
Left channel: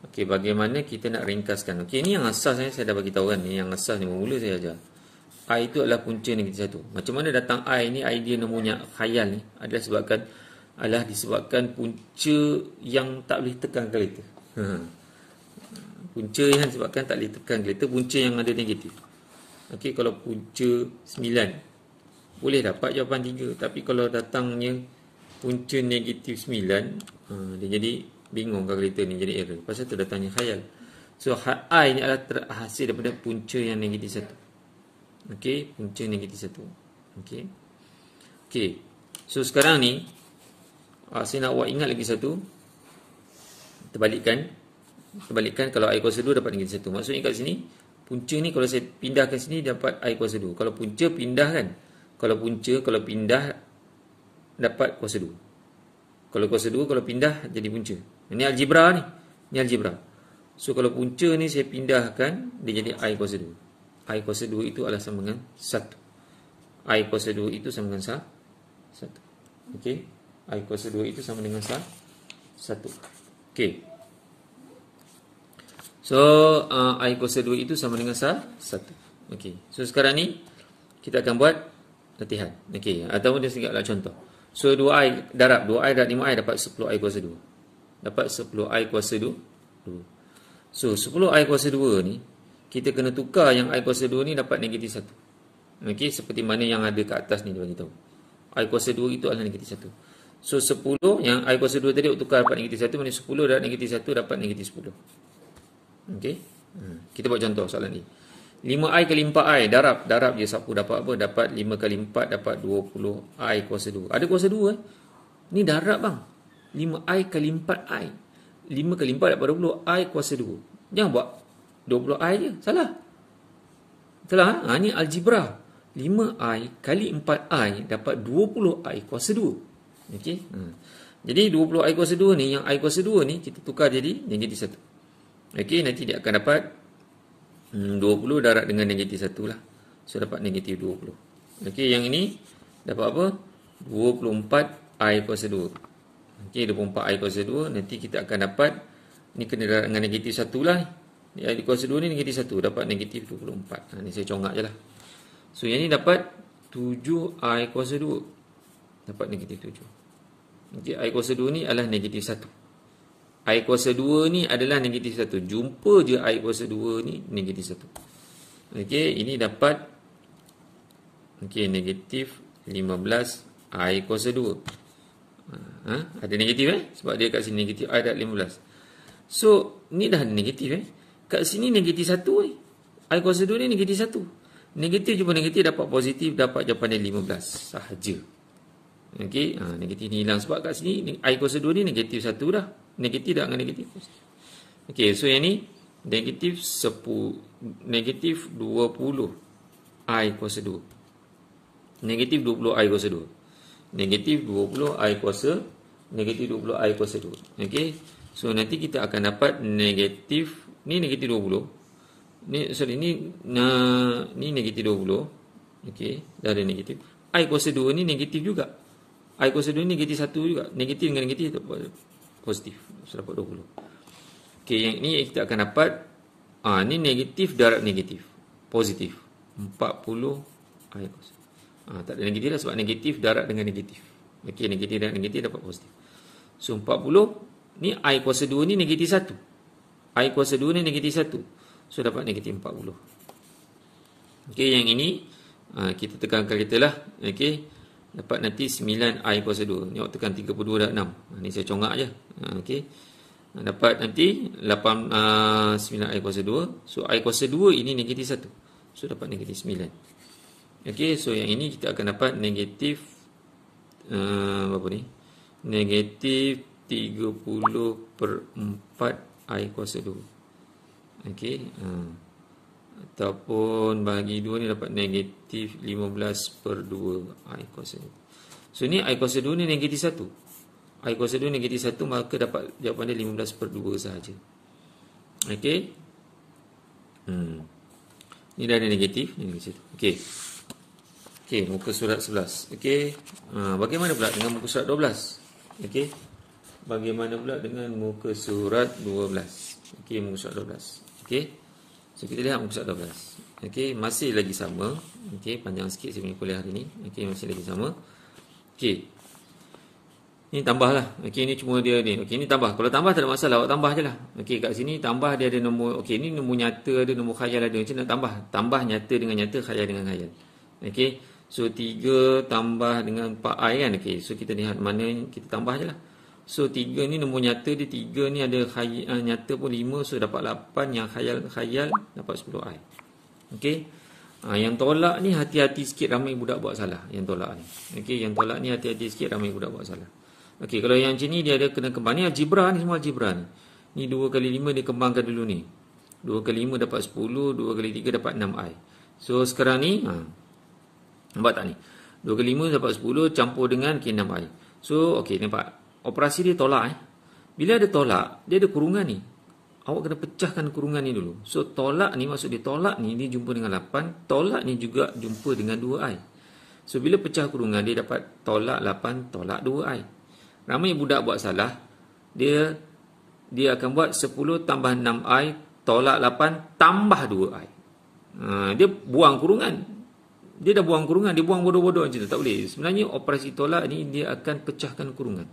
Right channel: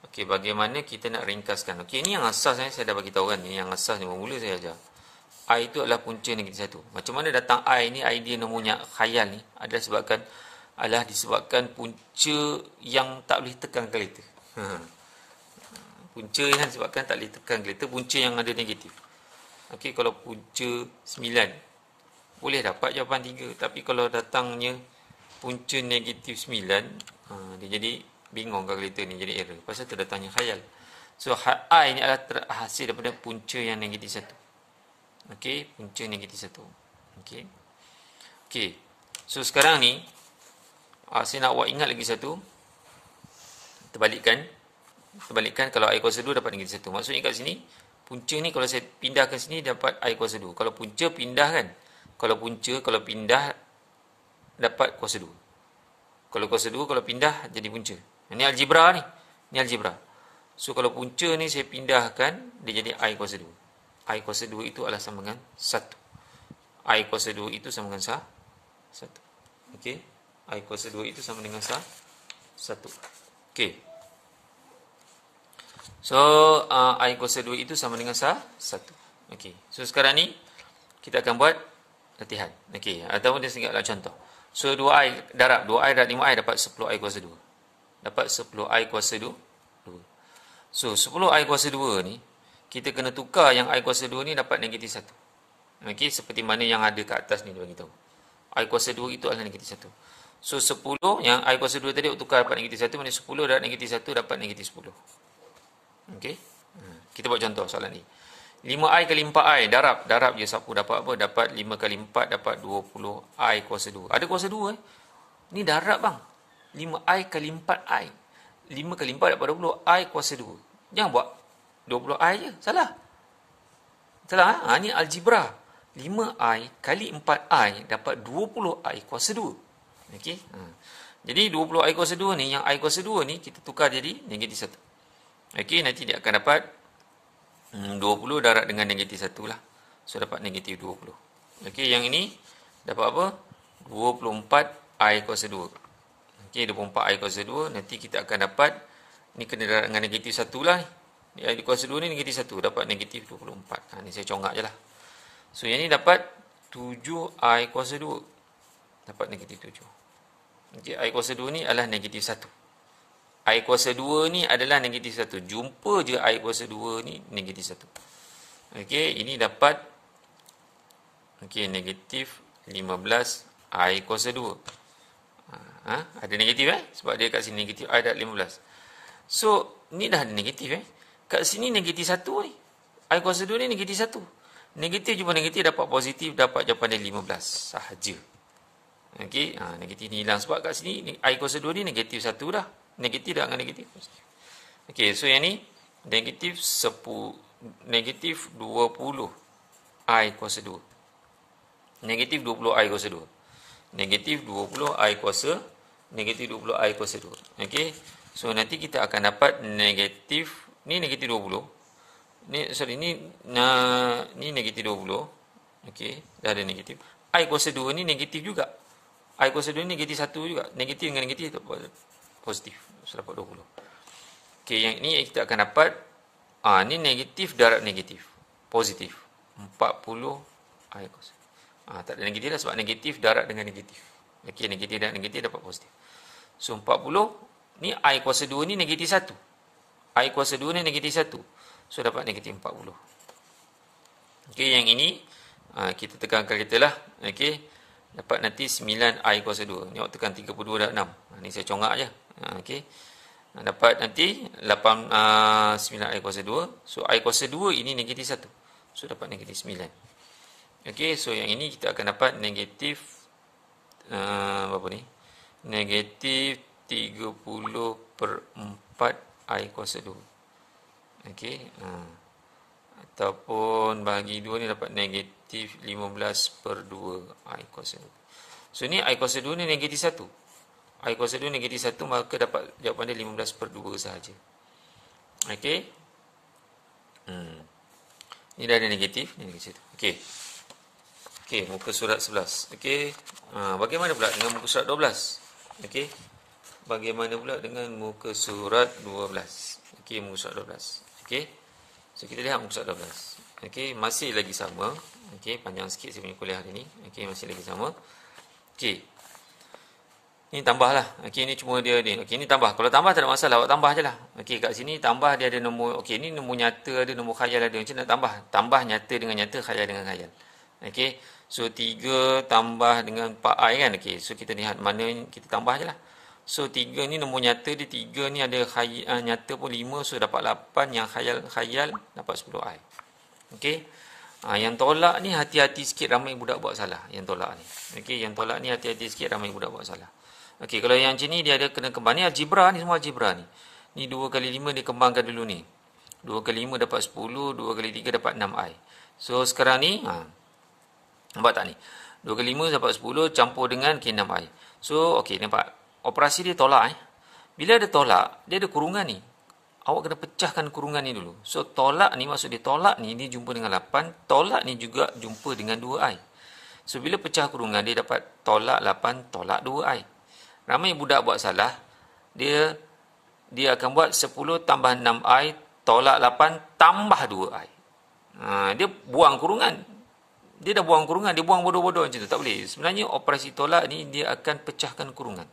Okey, bagaimana kita nak ringkaskan. Okey, ini yang asas saya dah bagi tahu kan. Ini yang asas ni mula saya ajar. I itu adalah punca negatif 1. Macam mana datang I ni, idea nombornya khayal ni adalah disebabkan punca yang tak boleh tekan kalkulator. Punca yang disebabkan tak boleh tekan kalkulator, punca yang ada negatif. Okey, kalau punca 9 boleh dapat jawapan 3, tapi kalau datangnya punca negatif 9, dia jadi bingung kalkulator ni, jadi error. Pasal tu datangnya khayal. So I ni adalah hasil daripada punca yang negatif 1. Okey, punca negatif 1. Okey. Okey. So sekarang ni saya nak buat ingat lagi satu. Terbalikkan kalau I kuasa 2 dapat negatif 1. Maksudnya kat sini punca ni kalau saya pindahkan sini dapat I kuasa 2. Kalau punca pindah kan. Kalau pindah dapat kuasa 2. Kalau kuasa 2 kalau pindah jadi punca. Ini algebra ni. Ini algebra. So kalau punca ni saya pindahkan dia jadi I kuasa 2. I kuasa 2 itu adalah sama dengan 1. I kuasa 2 itu sama dengan 1. Okey. I kuasa 2 itu sama dengan 1. Okey. So, I kuasa 2 itu sama dengan 1. Okey. So, sekarang ni kita akan buat latihan. Okey. Ataupun dia sedikitlah contoh. So, 2I darab 5I dapat 10I kuasa 2. Dapat 10I kuasa 2. So, 10I kuasa 2 ni kita kena tukar yang I kuasa 2 ni dapat negatif 1. Okey, seperti mana yang ada kat atas ni dia bagi tahu. I kuasa 2 itu adalah negatif 1. So 10 yang I kuasa 2 tadi tukar dapat negatif 1, mana 10 darab negatif 1 dapat negatif 10. Okey. Kita buat contoh soalan ni. 5I kali 4I darab je sapu dapat apa? Dapat 5 kali 4 dapat 20I kuasa 2. Ada kuasa 2 Ni darab bang. 5I kali 4I. 5 kali 4 dapat 20I kuasa 2. Jangan buat 20I je. Salah. Ni algebra. 5I kali 4I dapat 20I kuasa 2. Okey. Jadi 20I kuasa 2 ni, yang I kuasa 2 ni kita tukar jadi negatif 1. Okey, nanti dia akan dapat 20 darab dengan negatif 1 lah. So dapat negatif 20. Okey, yang ini dapat apa? 24I kuasa 2. Okey, 24I kuasa 2. Nanti kita akan dapat, ni kena darab dengan negatif 1 lah. I kuasa 2 ni negatif 1. Dapat negatif 24. Ni saya congak je lah. So yang ni dapat 7I kuasa 2. Dapat negatif 7. Okey, I kuasa 2 ni adalah negatif 1. I kuasa 2 ni adalah negatif 1. Jumpa je I kuasa 2 ni negatif 1. Okey, ini dapat negatif 15 I kuasa 2. Ada negatif sebab dia kat sini negatif I dapat 15. So, ni dah ada negatif Kat sini negatif 1 ni. I kuasa 2 ni negatif 1. Negatif jumpa negatif dapat positif, dapat jawapan dia 15 sahaja. Okey, negatif ni hilang sebab kat sini I kuasa 2 ni negatif 1 dah. Negatif dah dengan negatif. Okey, so yang ni negatif 20 I kuasa 2. Negatif 20 I kuasa 2. Negatif 20 I kuasa negatif 20 I kuasa 2. Okey. So nanti kita akan dapat negatif ni negatif 20. Ni negatif 20. Okey, dah ada negatif. I kuasa 2 ni negatif juga. I kuasa 2 ni negatif 1 juga. Negatif dengan negatif dapat positif. So dapat 20. Okey, yang ni kita akan dapat ni negatif darab negatif. Positif. 40 I kuasa. Tak ada negatif lah sebab negatif darab dengan negatif. Okey, negatif dan negatif dapat positif. So 40 ni I kuasa 2 ni negatif 1. I kuasa 2 ni negatif 1. So dapat negatif 40. Okey, yang ini kita tekankan kita lah. Okey, dapat nanti 9 I kuasa 2. Ni awak tekan 32 darab 6. Ni saya congak je. Okey, dapat nanti 9 I kuasa 2. So I kuasa 2 ini negatif 1. So dapat negatif 9. Okey, so yang ini kita akan dapat negatif berapa ni? Negatif 30/4 I kuasa 2. Okey, ataupun bahagi 2 ni dapat negatif 15/2 I kuasa 2. So ni I kuasa 2 ni negatif 1. I kuasa 2 negatif 1, maka dapat jawapan dia 15/2 sahaja. Okey. Ni dah ada negatif, ni negatif 1. Okey. Okey, muka surat 11. Okey. Bagaimana pula dengan muka surat 12? Okey. Bagaimana pula dengan muka surat 12? Okey, muka surat 12. Okey. So kita lihat muka surat 12. Okey, masih lagi sama. Okey, panjang sikit saya punya kuliah hari ni. Okey, masih lagi sama. Okey. Ini tambahlah. Okey, ini cuma dia ni. Okey, ini tambah. Kalau tambah tak ada masalah, awak tambah je lah. Okey, kat sini tambah dia ada nombor. Okey, ini nombor nyata ada, nombor khayal ada. Macam nak tambah? Tambah nyata dengan nyata, khayal dengan khayal. Okey. So 3 tambah dengan 4i kan. Okey, so kita lihat mana kita tambah je lah. So 3 ni nombor nyata dia, 3 ni ada nyata pun 5, so dapat 8, yang khayal dapat 10i. Okey. Yang tolak ni hati-hati sikit, ramai budak buat salah yang tolak ni. Okey, yang tolak ni hati-hati sikit, ramai budak buat salah. Okey, kalau yang macam ni dia ada kena kembang. Ni algebra ni, semua algebra ni. Ni 2 kali 5 dia kembangkan dulu ni. 2 kali 5 dapat 10, 2 kali 3 dapat 6i. So sekarang ni nampak tak ni? 2 kali 5 dapat 10 campur dengan 6i. So okey, nampak operasi dia tolak. Bila ada tolak, dia ada kurungan ni. Awak kena pecahkan kurungan ni dulu. So tolak ni, maksud dia tolak ni dia jumpa dengan 8, tolak ni juga jumpa dengan 2i. So bila pecah kurungan, dia dapat tolak 8 tolak 2i. Ramai budak buat salah. Dia akan buat 10 tambah 6i tolak 8 tambah 2i. Dia buang kurungan. Dia dah buang kurungan, dia buang bodoh-bodoh macam tu. Tak boleh. Sebenarnya operasi tolak ni dia akan pecahkan kurungan.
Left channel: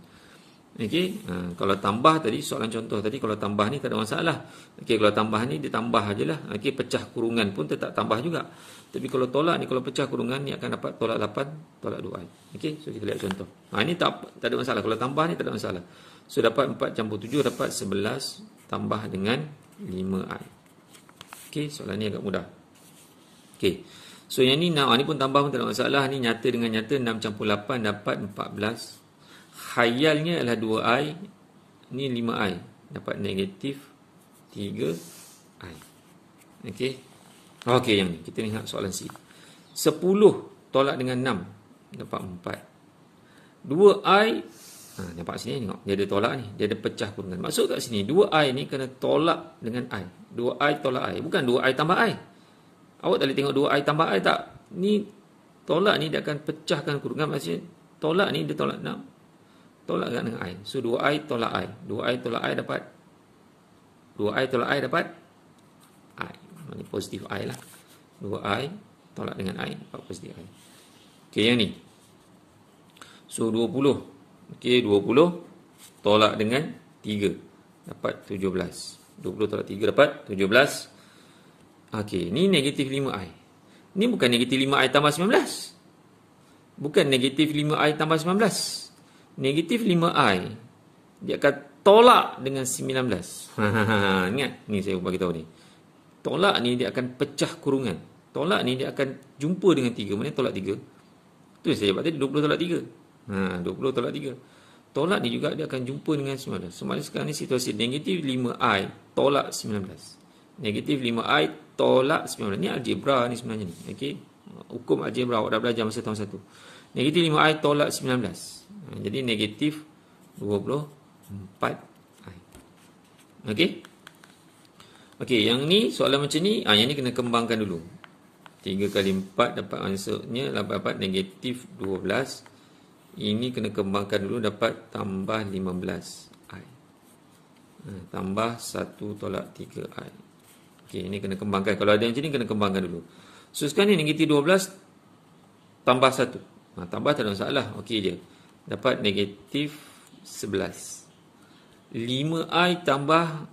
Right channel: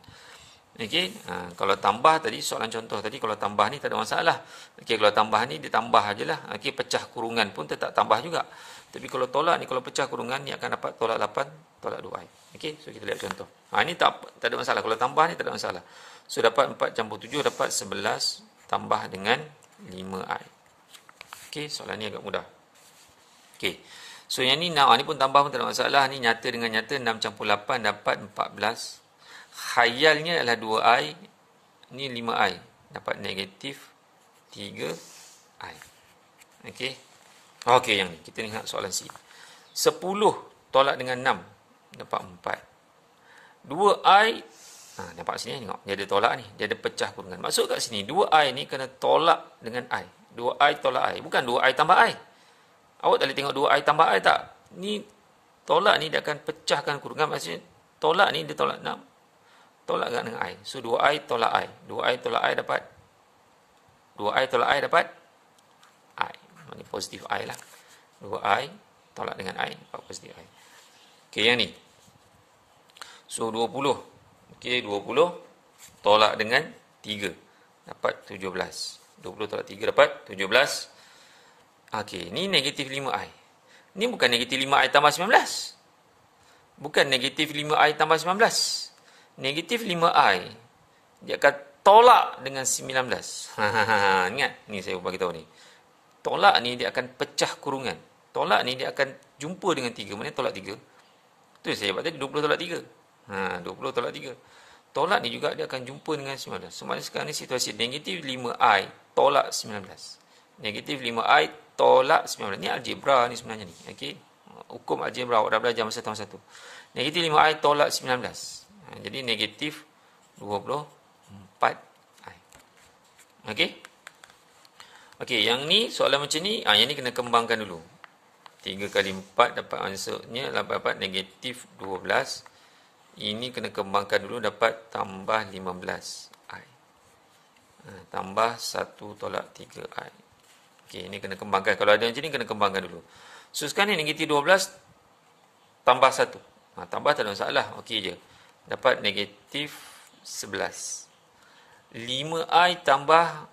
Okey, kalau tambah tadi, soalan contoh tadi, kalau tambah ni tak ada masalah. Okey, kalau tambah ni dia tambah ajalah. Okey, pecah kurungan pun tetap tambah juga. Tapi kalau tolak ni, kalau pecah kurungan ni akan dapat tolak 8 tolak 2i. Okey, so kita lihat contoh. Ni tak ada masalah. Kalau tambah ni tak ada masalah. So dapat 4 campur 7 dapat 11 tambah dengan 5i. Okey, soalan ni agak mudah. Okey. So yang ni ni pun tambah pun tak ada masalah. Ni nyata dengan nyata, 6 campur 8 dapat 14. Khayalnya adalah 2i. Ni 5i. Dapat negatif 3i. Okey. Okey, yang ni. Kita lihat soalan C. 10 tolak dengan 6. Dapat 4. 2i. Nampak sini tengok. Dia ada tolak ni. Dia ada pecah kurungan. Maksud kat sini, 2i ni kena tolak dengan i. 2i tolak i. Bukan 2i tambah i. Awak tak boleh tengok 2i tambah i tak? Ni tolak ni dia akan pecahkan kurungan. Maksudnya tolak ni dia tolak 6. Tolak dengan i. So 2i tolak i. 2i tolak i dapat 2i tolak i dapat i. Mana positif i lah. 2i tolak dengan i dapat positif i. Okey, yang ni. So 20. Okey, 20 tolak dengan 3 dapat 17. 20 tolak 3 dapat 17. Okey, ni negatif 5i. Ni bukan negatif 5i tambah 19. Bukan negatif 5i tambah 19. Negatif 5i dia akan tolak dengan 19. Ingat, ni saya bagi tahu ni. Tolak ni dia akan pecah kurungan. Tolak ni dia akan jumpa dengan 3. Mana tolak 3? Tu saya buat tadi 20 tolak 3. 20 tolak 3. Tolak ni juga dia akan jumpa dengan 19. Sebenarnya sekarang ni situasi negatif 5i tolak 19. Negatif 5i tolak 19. Ni algebra ni sebenarnya ni. Okey. Hukum algebra awak dah belajar masa tahun 1. Negatif 5i tolak 19. Jadi negatif 24i. Okey. Okey, yang ni soalan macam ni, yang ni kena kembangkan dulu. 3 kali 4 dapat answernya dapat negatif 12. Ini kena kembangkan dulu dapat tambah 15i. Tambah 1 tolak 3i. Okey, ini kena kembangkan. Kalau ada macam ni kena kembangkan dulu. So sekarang ni negatif 12 tambah 1. Tambah tak ada masalah. Okey je. Dapat negatif 11. 5i tambah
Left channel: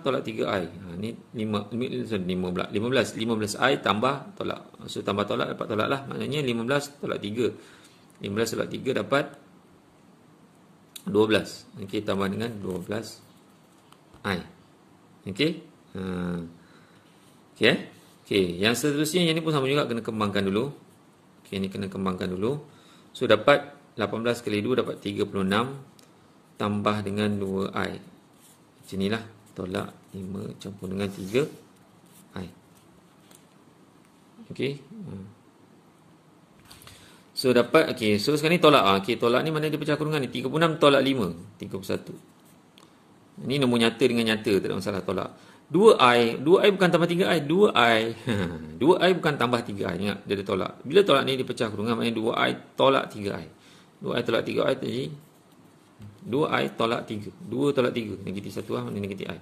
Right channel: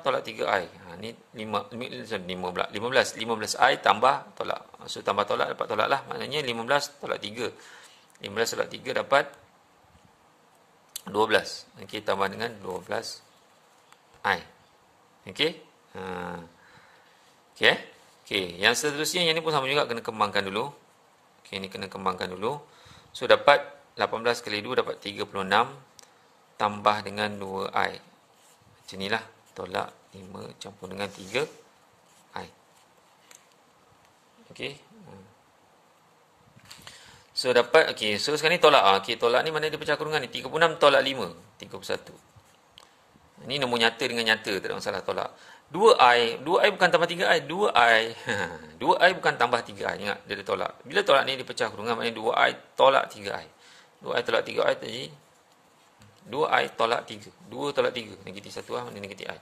tolak 3i. Ni 15i tambah tolak. So tambah tolak dapat tolak lah. Maknanya 15 tolak 3. 15 tolak 3 dapat 12. Okey, tambah dengan 12i. Okey. Okey. Okey, yang seterusnya yang ni pun sama juga kena kembangkan dulu. Okey, ni kena kembangkan dulu. So dapat 18 kali 2 dapat 36 tambah dengan 2i. Macam inilah. Tolak 5 campur dengan 3i. Okey. So dapat, okey, so sekarang ni tolak. Okey, tolak ni mana dia pecah kurungan ni? 36 tolak 5, 31. Ini nombor nyata dengan nyata, tak ada masalah tolak. 2i bukan tambah 3i, 2i. 2i bukan tambah 3i. Ingat, dia ada tolak. Bila tolak ni dia pecah kurungan, maknanya 2i tolak 3i. 2i tolak 3i tadi 2i tolak 3. 2 tolak 3, negatif 1 lah, negatif i.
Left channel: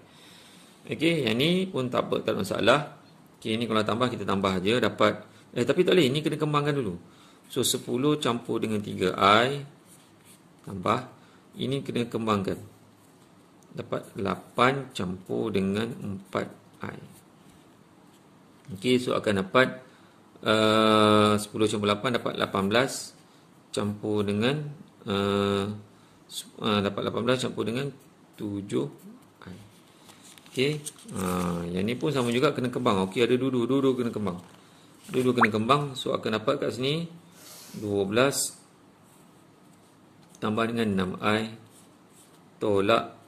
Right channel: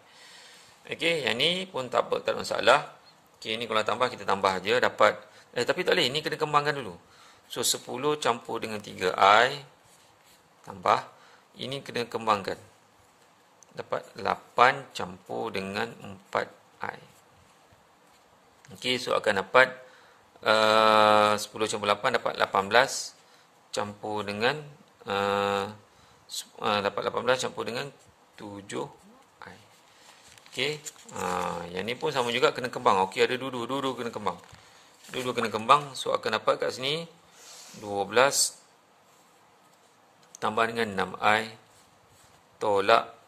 Okey, yang ni pun tak apa, tak ada masalah. Okey, ni kalau tambah kita tambah aja dapat tapi tak boleh, ni kena kembangkan dulu. So 10 campur dengan 3i tambah ini kena kembangkan. Dapat 8 campur dengan 4i. Okey, so akan dapat 10 campur 8 dapat 18 campur dengan dapat 18 campur dengan 7i. Okey, yang ni pun sama juga kena kembang. Okey, ada dua-dua kena kembang. Dua-dua kena kembang, so akan dapat kat sini 12 tambah dengan 6i tolak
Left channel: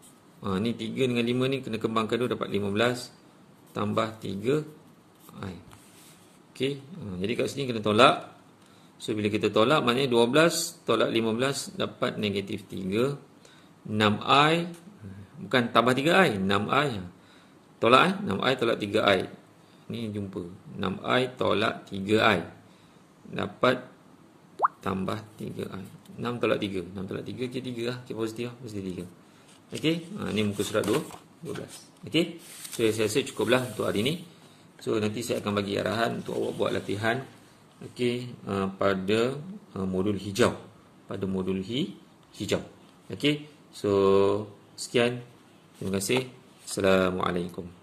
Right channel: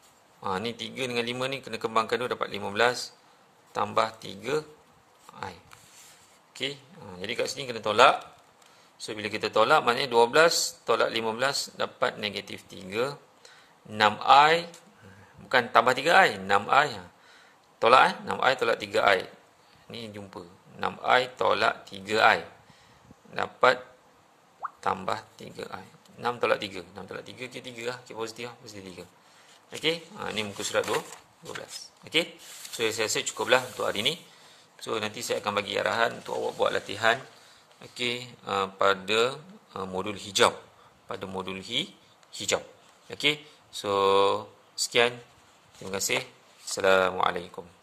ni 3 dengan 5 ni kena kembangkan dulu dapat 15 tambah 3i. Okey, jadi kat sini kena tolak. So bila kita tolak maknanya 12 tolak 15 dapat negatif 3. 6i bukan tambah 3i, 6i. Tolak 6i tolak 3i. Ni jumpa. 6i tolak 3i dapat tambah 3i. 6 tolak 3. 6 tolak 3 ke 3 lah. Ke positif lah. Positif 3. Okey. Ni muka surat 12. Okey. So saya rasa cukuplah untuk hari ni. So nanti saya akan bagi arahan untuk awak buat latihan. Okey. Pada modul hijau. Pada modul hijau. Okey. So sekian. Terima kasih. Assalamualaikum.